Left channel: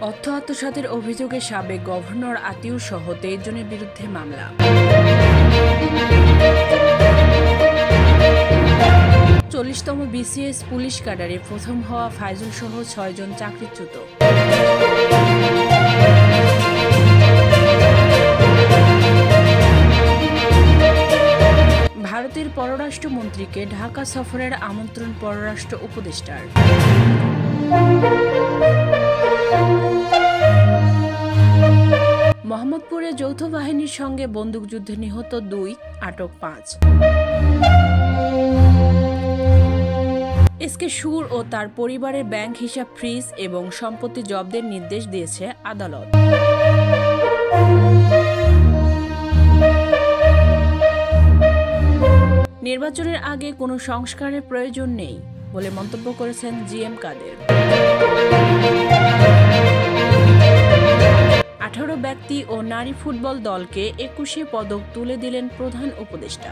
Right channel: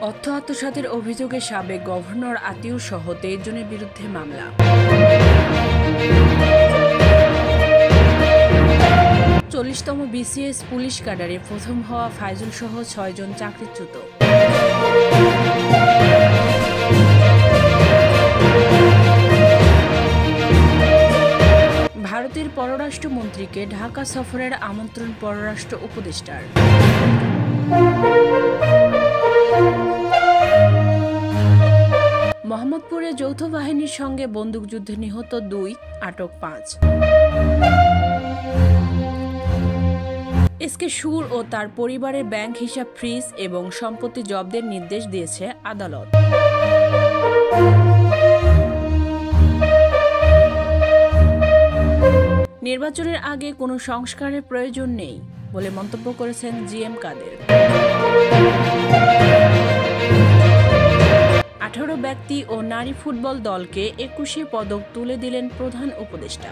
অর্থ আত্মসাতের অভিযোগে সাবেক গভর্নর আতিউর সহ 23 জনের বিরুদ্ধে মামলা। 40তম বিসিএস পুলিশ ক্যাডারে প্রথম হওয়া ফাইজুল সহ 6 জন চাকরিচ্যুত। ভারতের পররাষ্ট্রমন্ত্রীকে ঢাকা সফরের আমন্ত্রণ পররাষ্ট্র উপদেষ্টার। মোহাম্মদপুরে যৌথ বাহিনীর সঙ্গে বন্দুকযুদ্ধে নিহত 2, আটক 5। এসকে সুর ও তার পরিবারের ব্যাংক হিসাব ফ্রিজ এবং সম্পত্তি জব্দের নির্দেশ দিয়েছে আদালত। নির্বাচনের আগে কোনো সংস্কারের প্রয়োজন নেই বলে মন্তব্য করেছেন জিএম কাদের। 18 ব্যক্তি ও নারী ফুটবল দলকে 21 পদক তুলে দিলেন প্রধান উপদেষ্টা।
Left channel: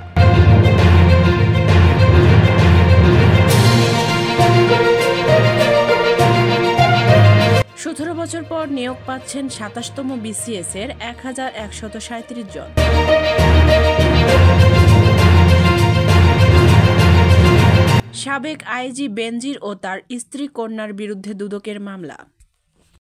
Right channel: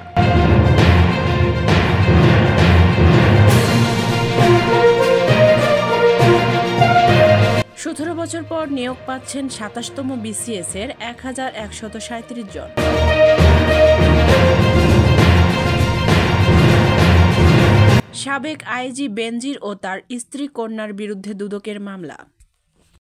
সতেরো বছর পর নিয়োগ পাচ্ছেন 27তম বিসিএস এর 1137 জন। সাবেক আইজি বেনজির ও তার স্ত্রী কন্যার বিরুদ্ধে দুদকের মামলা।